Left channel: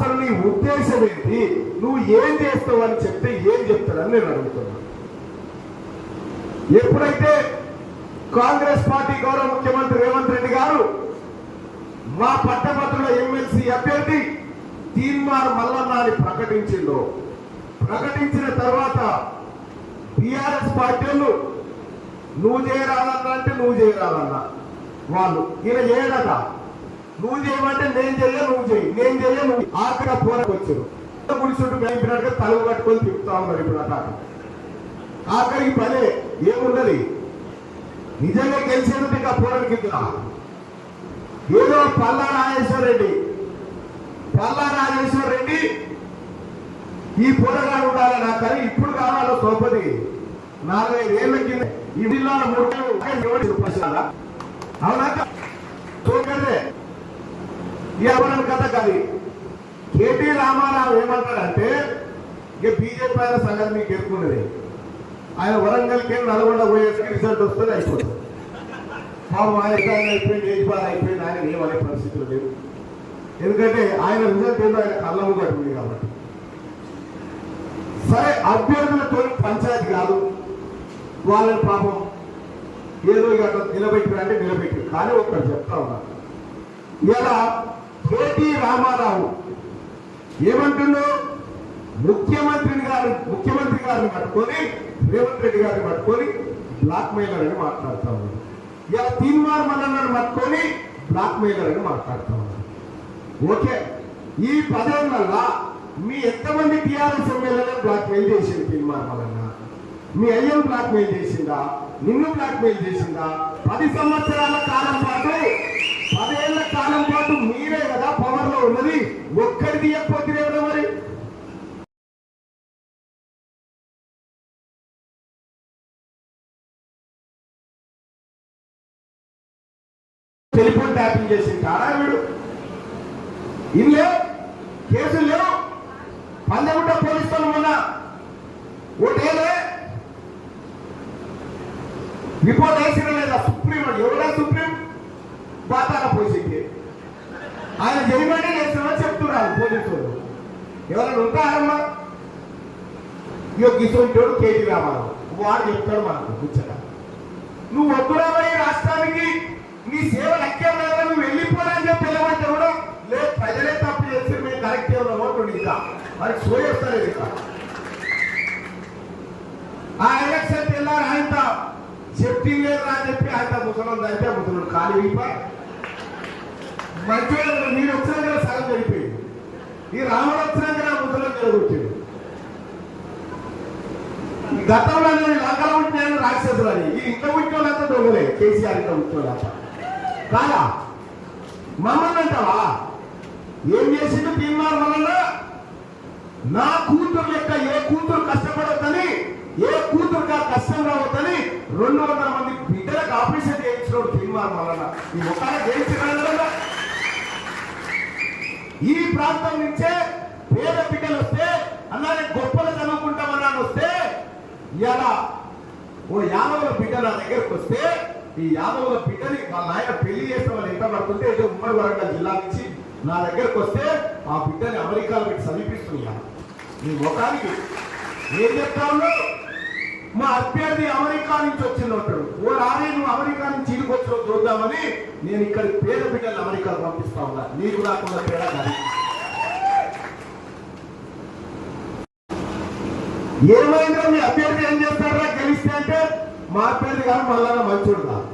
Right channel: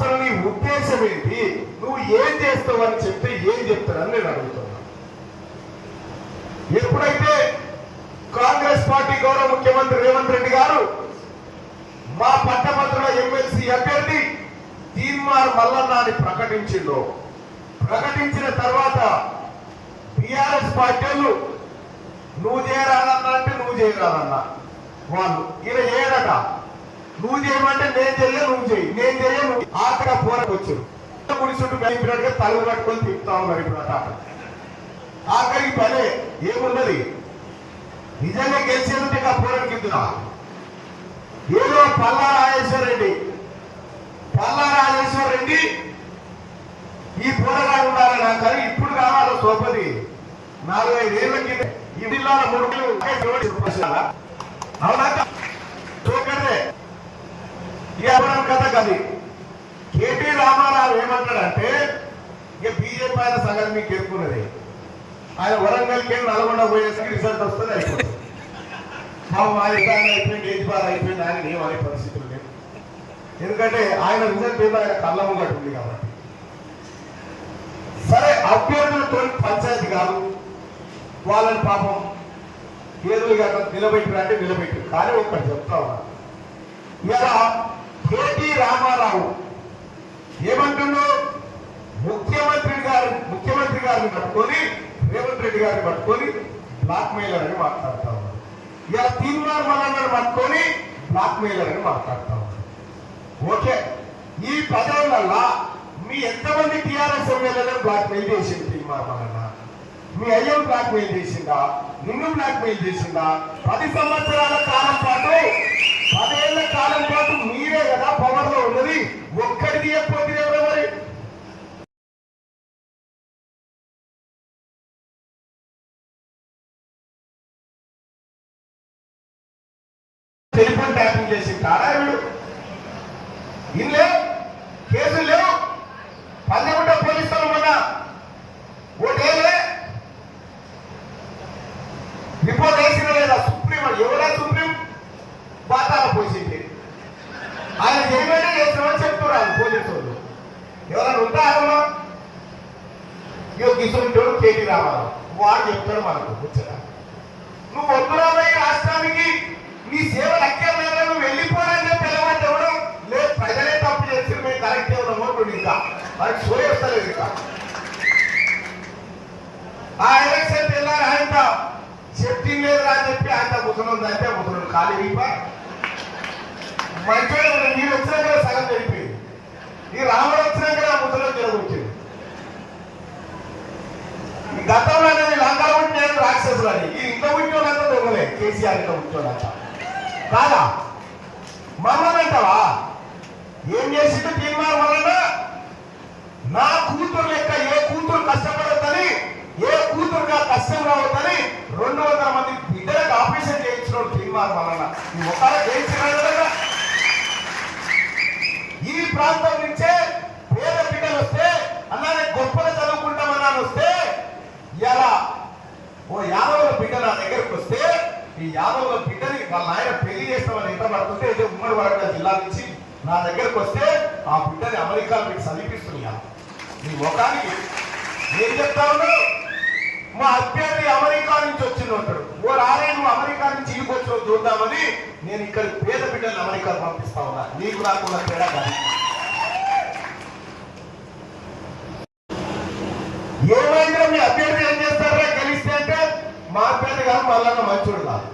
అసలు నీ ఉద్దేశం ఏంటి? నువ్వు ఏం చేస్తావు అని చెప్తే ఏం చెప్తానని నేను అడుగుతున్నా. ఎప్పుడైతే కాంగ్రెస్ పార్టీ గౌరవ ముఖ్యమంత్రి రేవంత్ రెడ్డి గారు మా పట్టభద్రుల ఎమ్మెల్సీ అభ్యర్థి తీర్మార్ మల్లన్నాని ప్రకటించిండ్రు. ప్రకటించిన తర్వాత బీఆర్ఎస్ పార్టీలు నువ్వు చేయరాదన్నా అంటే నువ్వు చేయరానన్నా. వాళ్ళు ఈయన చేయడట నువ్వు చేయమంటే నేను చేయ నువ్వు చేయి. నేను చేయ. నువ్వు ఆకడ పోరకు వచ్చారు కూర్చుంటూ మేపినట్టు తల పట్టుకొని తిప్పుతాను ఉన్నారు ఇప్పుడు ఆఖరికి పదే ఏమున్నది? నిజంగా గెలిచే ఉంటే ఆ పోరానికి ఇద్దా ఏదో పల్లా రాజేశ్వర రెడ్డి పల్లా రాజేశ్వర రెడ్డి ఈ పోరాటాలు ఉండాలని అంటారు ఇప్పుడు కావాలి సోపది నాలుగు ఐదు ఏళ్ళకి ఈ జిల్లా మూడు అవునా ఈ అభివృద్ధి కథ కది కేటీ రామారావు ఏమంటాడంటే ఇక బీజేపీ ఆయన సగం మీకు ఎక్కున్నది ఆయన వరంగల్కి నల్గొండ పోయేసరికి రిజల్ట్ వస్తుంది అయిపోతుంది మాకు మా ఇబ్బంది అయిపోయింది ఏది అయిపోయింది ఆయన ఏమనే పరిస్థితులు లేవు. ఎందుకంటే ఆయన రిజల్ట్ ఏమో ఆయన కళ్ళ ముంగట ఉంది కాబట్టి. సరే అభ్యర్థులతో పంచాయతీ కాదు. వాళ్ళని పాపం ఏదో ఇక నిలబెట్టి అంటే నిలబెట్టి కానీ ఒకటి చెప్తా ఉన్నా. ఇలా కేటీ రామారావు. ఏమంటున్నా ముఖ్యమంత్రి గారు ముఖ్యమంత్రి గారిని పట్టుకొని రేవంత్ రెడ్డి గారిని పట్టుకొని బ్లాక్ మెయిలర్ అని మాట్లాడుతా ఉన్నారు. ఇలా తీర్మానం మల్లన్నను పట్టుకొని బ్లాక్ మెయిలర్ అని మాట్లాడుతా ఉన్నారు. ఓకే? ఈ పదవులల్లా మీ ఎంతమంది టీఆర్ఎస్ ఎమ్మెల్యేలను బ్లాక్ మెయిల్ చేసింది తీర్మానం మీ అయ్యం బ్లాక్ మెయిల్ చేసిందా? నిన్ను బ్లాక్ మెయిల్ చేసిందా? పది సంవత్సరాల కాలం పాటు పదేళ్ళ కాలం పాటు టెలిఫోన్ ట్యాపింగ్ చేసి వీడు? ఇల్లు లేవు. కేసులు లేవు. పల్లెగుంట పోలీసులు మొన్న ఓటేలే రిపోర్ట్ వేసిన లేదా? సుప్రీం అని ఎవరే సుప్రీం? పాతాల పోసింది ఆయన చేయమని చేస్తామని చెప్తున్నారు పోలీసులు ఎవరైనా ఉంటారమ్మా ఇగో కిషోర్ కేటీ రామారావు. వాడు చెప్తాడు మనకు కూర్చోరా నువ్వు వద్దురాబోయే రాష్ట్రానికి? నీ సేవ అక్కర్లేదా నువ్వు వెళ్ళిపోవాలని చెప్పి తెలవంటే కూడా లేదు ప్రజలే తప్పు చేసి మేము కరెక్ట్ ఎవరో ఓటు ఇంకా. వారికి సోయ వస్తలేదు ఇంకా. ఆ ఎలక్షన్ వెళ్ళారు ఆయన చెప్పింది లేదు అని చెప్పి ఆయన ముసలం అయితే ముసలు ఖాళీ అయిపోయి. మంచిగా మీరు కదా సగం జరిపోయింది ఈ రాముడు వచ్చినా కదా ముసలం జరుగుతుంది గతంలో నేను లంగా ఉంటున్నాను రాక్షసులని ఈ ఇంత ఉంటున్నంత దొంగలే. కేసీఆర్ ఇంత ఉంటున్నాట కాదా? మమ్మల్ని అంటావా ఏం చేసింది తీర్మానం వలన నా కూతురు లెక్క ఏ కూతురు కష్టపడద్దని ఏ కూతురు నా కష్టం రావద్దని రెండు వందల మంది బిడ్డలకు ఆపరేషన్ చేయించిన తీర్మానం వలన ఈ ఒకళ్ళ చేయించిన ఈ ప్రాంతం నుంచే పేద బిడ్డలు వస్తే అన్నానే గొప్పలు చదువుకుంటామన్నాను వస్తే ఇలా ఓ యాదవుల బిడ్డ నా దగ్గరకు వస్తే ఈ యాదవుల వాళ్ళ ఆయన పెళ్ళి చేస్తామని ఎంత పడుతుంటే అయితే ఉమ్మడి వరంగల్ జిల్లా నుంచి నా దగ్గరకు వస్తే ఆ బిడ్డని అమెరికాలోకి సమీపిస్తున్నా. నీ ముఖానికి నేను చెప్తా ఉన్నా మా అభ్యర్థి అమెరికా నుంచి వచ్చినప్పుడు ఓ రాలే నువ్వు అమెరికా నుంచి ఇంటికి చూద్దామని నేను ఇక్కడ పేద బిడ్డలు అమెరికా పంపిస్తా ఉన్నా. నీకు నాకు తేడా ఏమైనా మీ అభ్యర్థి ఏం చేస్తారా? గెలిస్తే అంటే మా అభ్యర్థి కానీ మళ్ళా మంచోడు కాదు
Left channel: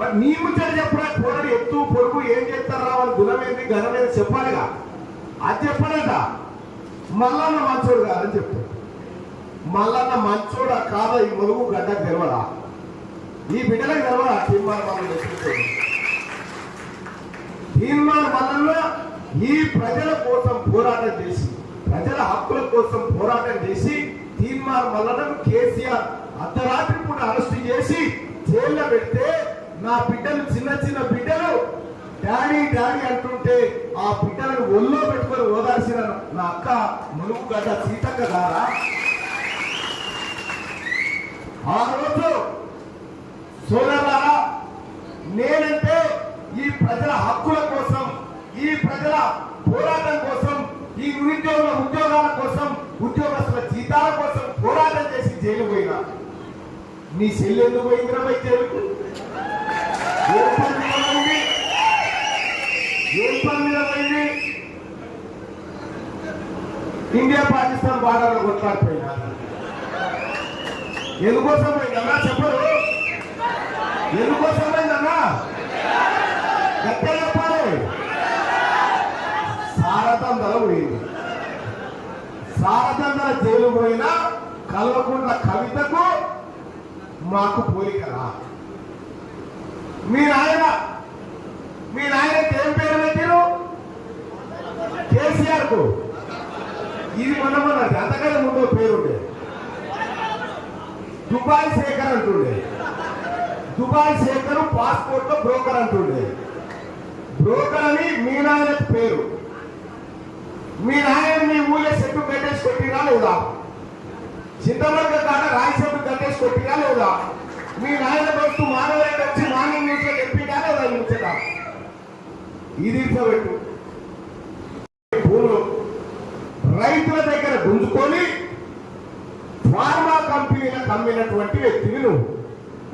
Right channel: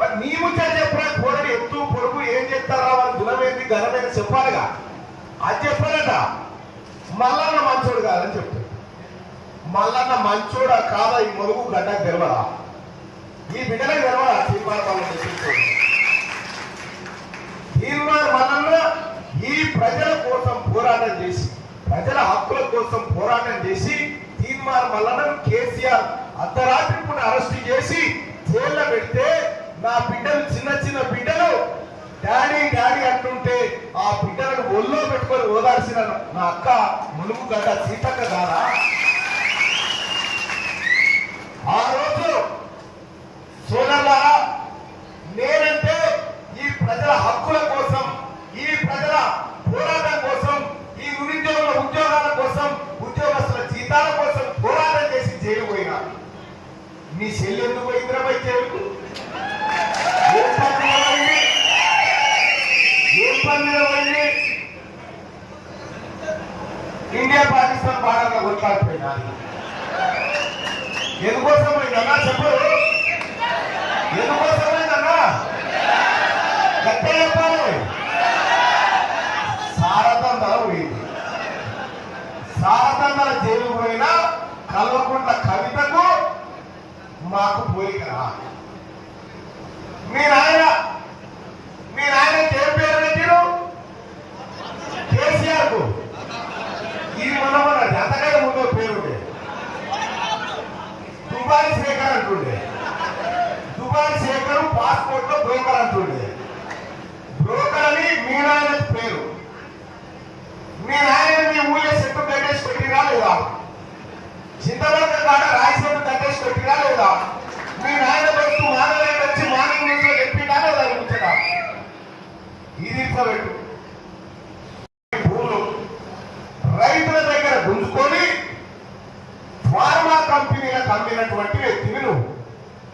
మరి నీ ముచ్చట చెప్పరా కోడలు ఎత్తు పొడుగు ఏం చెప్తారా వాళ్ళ గుణమేంటి ఘనమేంటి చెప్పాలిగా? అది చెప్పాలంట. మల్లన్న మంచోడు కాదని చెప్తాడు మల్లన్న మంచోడు కాదు? ఈ మొదుగు గడ్డ గెలవడా? ఈ బిడ్డల గెలవడా? తీర్మానం వాళ్ళని ఎత్తుకోడు తీర్మానం వలన ఈ ప్రజల కోసం పోరాటం చేసి ప్రజల హక్కుల కోసం పోరాటం చేసి తీర్మానం వల్లన కేసీఆర్ అర్ధరాత్రి కూడా అరెస్ట్ చేసి జైల్లో పెడితే నా బిడ్డలు చిన్న చిన్న బిడ్డలు డాడీ డాడీ అంటుంటే ఆ బిడ్డలను ఒళ్ళో పెట్టుకొని ఓదార్చిన నా అక్క మునుగు గడ్డ సీతక్క గారా? ఆ రోజు సోదరులారా హక్కుల కోసం ఈ ప్రజల పోరాటం కోసం ఈ నిరుద్యోగుల ఉద్యోగాల కోసం ఉద్యోగస్తుల జీతాల కోసం పోరాటం చేసి జైలు పోయినా. నీ చెల్లెందుకు ఎందుకు పోయిందిరా పోయి జైలుకు ఏ పని మీద పోయింది? ఏ పని మీద పోయింది? ఇండియా పాకిస్తాన్ బాగా కొట్లాడిపోయినా ఎందుకోసం పోయిందన్నా చెప్పరు? ఎందుకోసం పోయిందన్నా గట్టే చెప్పాలి. సారథంగా పోయింది. సారథంగా జైలు పోయిన కల్వకుంట్ల కవితకు మాకు పోలిక మీ నాయన ఇది మనమన్నది అంతకంటే ముందు పేరు ఉండే దుబాయ్ శేఖర్ అంటుండే. దుబాయ్ శేఖర్ పాస్పోర్ట్లో బ్రోకర్ అంటుండే. బ్రోకర్ అని మీ నాయన పేరు. మీ నాయన మీ ఊళ్ళో చెట్టు కట్టేసి కొట్టిరా లేదా? చింతవర్గ కాడ రాయి చెట్టు కట్టేసి కొట్టిరా లేదా? మీ నాయన దొరుకుతూ మానవ వచ్చి మానవ నీటిలో చెప్పినా లేదా ముచ్చట? ఇది పెట్టు రైతుల దగ్గర గుంజుకొని ఫార్మా కంపెనీలకు అమ్మినటువంటి వ్యక్తివి నువ్వు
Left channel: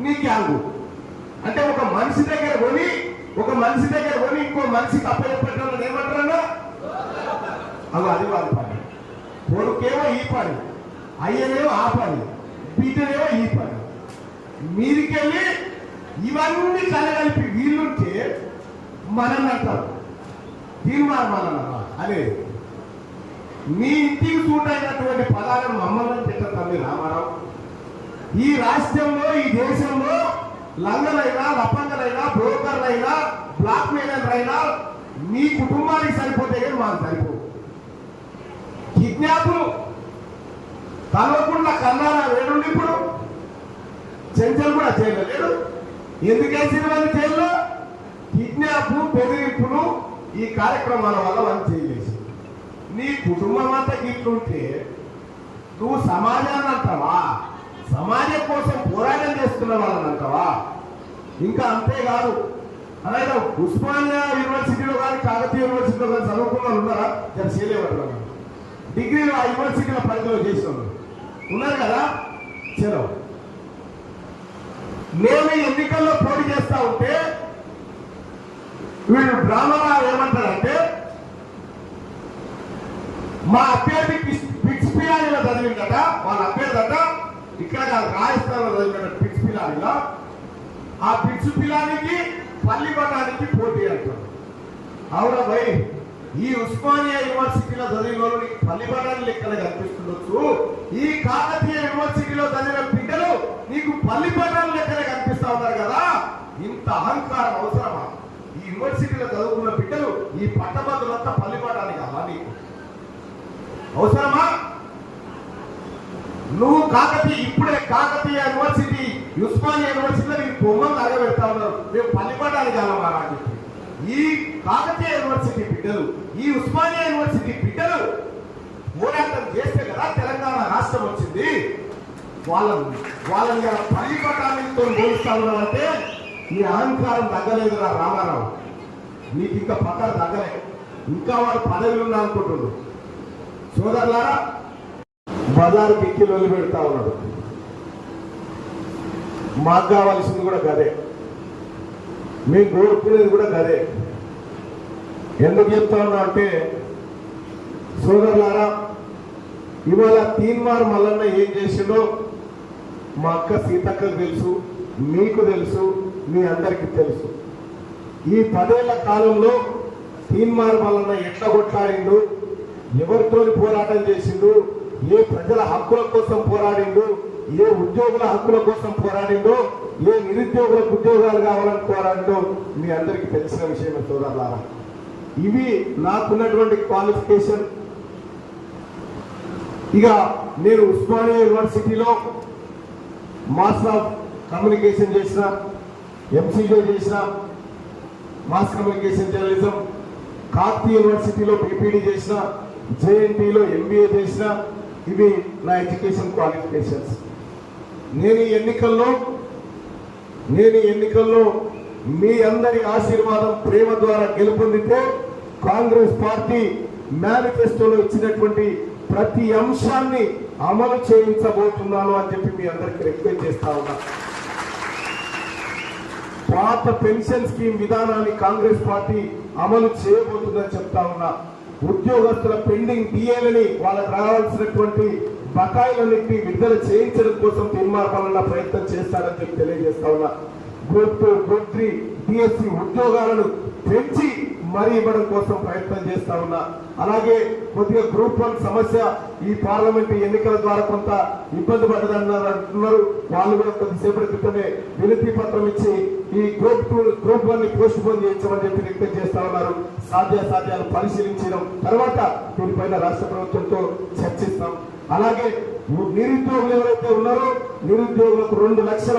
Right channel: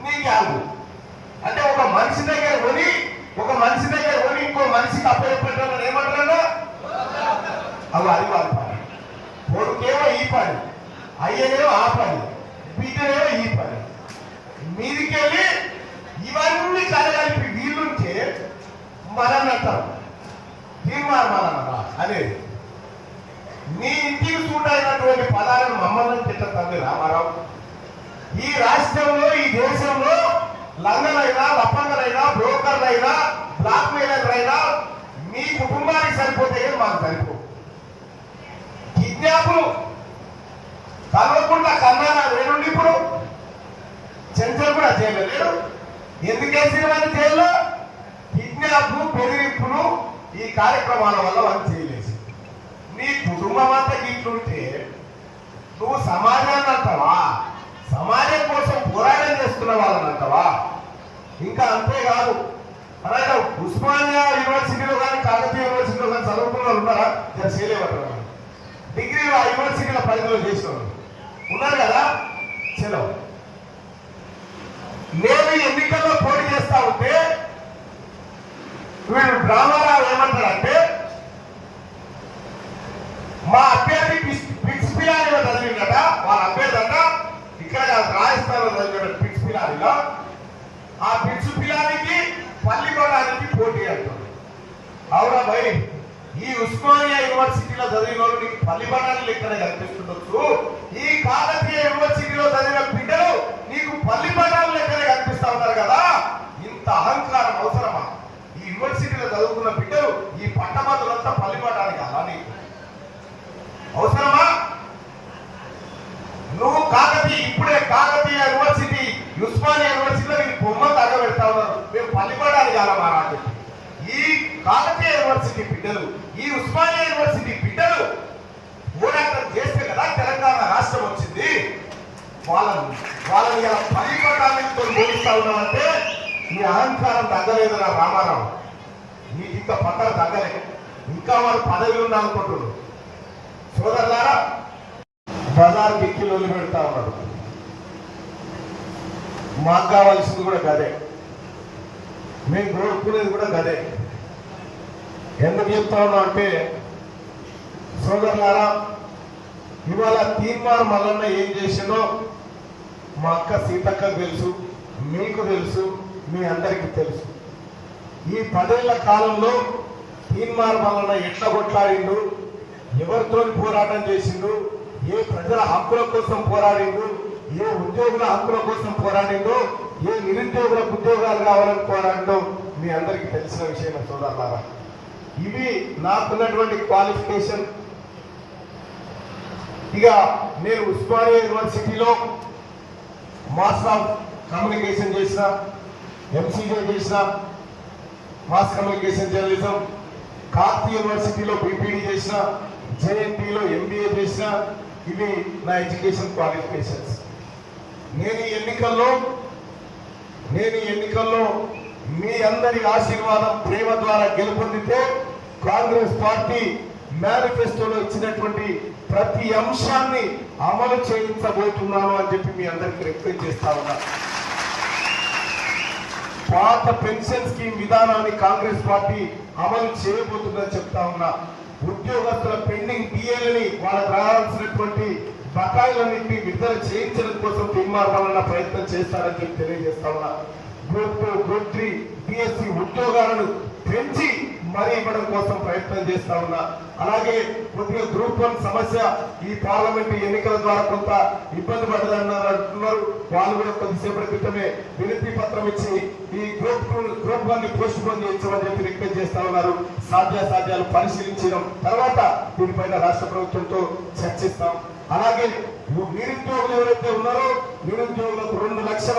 నీ క్యాలు అంటే ఒక మనిషి దగ్గర కొని ఒక మనిషి దగ్గర కొని ఇంకో మనిషికి అప్పచెప్పడం ఏమంటారన్నా అవి అది వాళ్ళ పని. కొడుకేమో ఈ పని. అయ్యనేమో ఆ పని. బిడ్డనేమో ఈ పని. మీదికెళ్ళి ఇవన్నీ కలగలిపి వీళ్ళుంటే మనం అంటారు తీర్మానం అనేది. మీ ఇంటికి చూడైనటువంటి పదాలను మమ్మల్ని తిట్టతంది రామారావు. ఈ రాష్ట్రంలో ఈ దేశంలో లంగలైనా లప్పంగలైనా బ్రోకర్లైనా బ్లాక్ మెయిలర్లైనా మీ కుటుంబానికి సరిపోతే మాకు సరిపో కిడ్నాప్లు కలవకుండా కన్నారా వేరుండి ఇప్పుడు చెంచలు కూడా చేయలేదు ఎందుకేసిన వారి జైల్లో? కిడ్నాప్లు బెదిరింపులు ఈ కార్యక్రమాల వల్ల వాళ్ళు నీ కుటుంబం అంతా ఇట్లుంటే నువ్వు సమాజాన్ని అంటావా సమాజం కోసం పోరాటం చేస్తున్న వాళ్ళని అంటావా ఇంకా అంతేకాదు అలాగే ఉస్మానియా యూనివర్సిటీలో కానీ కాకతీయ యూనివర్సిటీలో కానీ చదువుకున్న ఉన్నారా? దాన్ని చేయలేమంటారు డిగ్రీలు ఆ యూనివర్సిటీల పరిధిలో చేసినాను ఉన్నారు కదా? చెరవు. నేను ఎన్నికల్లో పోటీ చేస్తా ఉంటే వీళ్ళు డ్రామా ఏమంటారు మా అభ్యర్థి పిచ్- పిచ్ పిలానిలో చదివిందట వాళ్ళ అభ్యర్థి అట ఇక్కడ రాజస్థాన్లో చదివినట పిచ్ పిలానిలో ఆ పిచ్ పిలానికి పల్లి కొట్టడానికి పోటీ అంటారు అవునా భయ్ ఈ ఉస్మానియా యూనివర్సిటీలో చదివిన వాళ్ళకి పల్లి ఇక్కడ కనిపిస్తుండొచ్చు ఈ కాకతీయ యూనివర్సిటీలో చదివిన బిడ్డలు నీకు పల్లి పడాలు లెక్కనే కనిపిస్తా ఉన్నారు కదా. ఇంత అహంకారం అవసరమా? ఈ యూనివర్సిటీలో చదువుకున్న బిడ్డలు ఈ పట్టభద్రులంతా పల్లి పడడానికి నీకు. అవసరమా? నువ్వు కాకతీయ ఇప్పుడే కాకతీయ యూనివర్సిటీ ఉస్మానియా యూనివర్సిటీలో మీరు బొమ్మలు తగ్గబెడతా ఉన్నారు. మీరు పల్లిపడాలి కావాలా అని ఈ కాకతీయ యూనివర్సిటీ బిడ్డలు ఈ ఉస్మానియా యూనివర్సిటీ బిడ్డలు పోరాటం చేస్తే కదా తెలంగాణ రాష్ట్రం వచ్చింది. వాళ్ళని వాళ్ళని ఇలా పల్లిపడాలతో పోలుస్తా ఉన్నారంటే ఈ అహంకారం తగ్గలేదురా రామారావు. నీకు ఇంకా పట్టాలు తగ్గలే. ఇంకా వాడు పదవి ఉండాలనుకుంటున్నారు సోదరులారా బజార్ గిక్కిలు పెడతా ఉన్నారు మాకు కావాల్సింది కూడా గదే. మేము కోరుకునేది కూడా గదే. ఎందుకు చెప్తున్నా అంటే సోదరులారా ఇవాళ తీర్మానం మల్లన్న ఏం చేసిందో మా అక్క సీతక్కకు తెలుసు మీకు తెలుసు మీ అందరికీ తెలుసు. ఈ పదేళ్ళ కాలంలో తీన్మార్ వలన ఎట్లా కొట్లాడిండు ఎవరితో పోరాటం చేసిండు ఏ ప్రజల హక్కుల కోసం పోరాడిండు ఏ ఉద్యోగుల హక్కుల కోసం పోరాడిందో ఏ నిరుద్యోగులకు ఉద్యోగాలు కావాలని పోరాడిందో మీ అందరికీ తెలిసిన విషయం చూడాలా ఇవి నాకున్నటువంటి క్వాలిఫికేషన్. ఇక నేను ఉస్మానియా యూనివర్సిటీలో మాస్టర్ ఆఫ్ కమ్యూనికేషన్ చేసిన ఎంసీజే చేసిన మాస్ కమ్యూనికేషన్ జర్నలిజం కార్తీ యూనివర్సిటీలో బీపీడీ చేసిన జేఎన్టీలో ఎంబీఏ చేసిన ఇవి నా ఎడ్యుకేషన్ క్వాలిఫికేషన్స్. నేను ఈ ఎన్నికల్లో నేను ఈ ఎన్నికల్లో మీ అందరి ఆశీర్వాదం ప్రేమ ద్వారా గెలుపొందితే కాంగ్రెస్ పార్టీ మేనిఫెస్టోలో ఇచ్చినటువంటి ప్రతి అంశాన్ని అమలు చేయించబోతున్నాను అని చెప్పి మీ అందరికి రిక్వెస్ట్ చేస్తా ఉన్నా. పాత పెన్షన్ స్కీమ్ విధానాన్ని కాంగ్రెస్ పార్టీ అమలు చేయబోతుందని చెప్తా ఉన్నా. ఉద్యోగస్తుల పెండింగ్ డిఏలని వాళ్ళకు రావాల్సినటువంటి బకాయిలన్నింటినీ విడుదల చేయించడం కోసం తీర్మానాలన్న ప్రయత్నం చేస్తారని చెప్పి తెలియజేస్తా ఉన్నా. Group two group three BSc ఉద్యోగాలను పెంచి మనీ ఇవ్వడం కోసం ప్రయత్నం చేస్తా ఉన్నా. అలాగే కొద్దిగా గ్రూప్ వన్ సమస్య ఈ పార్లమెంట్ ఎన్నికల ద్వారా కొంత ఇబ్బంది పడదన్నారు వాళ్ళు కూడా కొద్దిసేపటి క్రితమే వినతి పత్రం ఇచ్చి ఈ గ్రూప్ టూ గ్రూప్ వన్ని పోస్ట్ పోన్ చేయించమని చెప్పి రిక్వెస్ట్ చేస్తా ఉన్నారు. సాధ్యాసాధ్యాలు పరిశీలించడం తర్వాత దీనిపైన రాష్ట్ర ప్రభుత్వంతో చర్చిస్తాం. అలాగే నిరుద్యోగులు ఎవరైతే ఉన్నారో నిరుద్యోగులకు రెండు లక్షల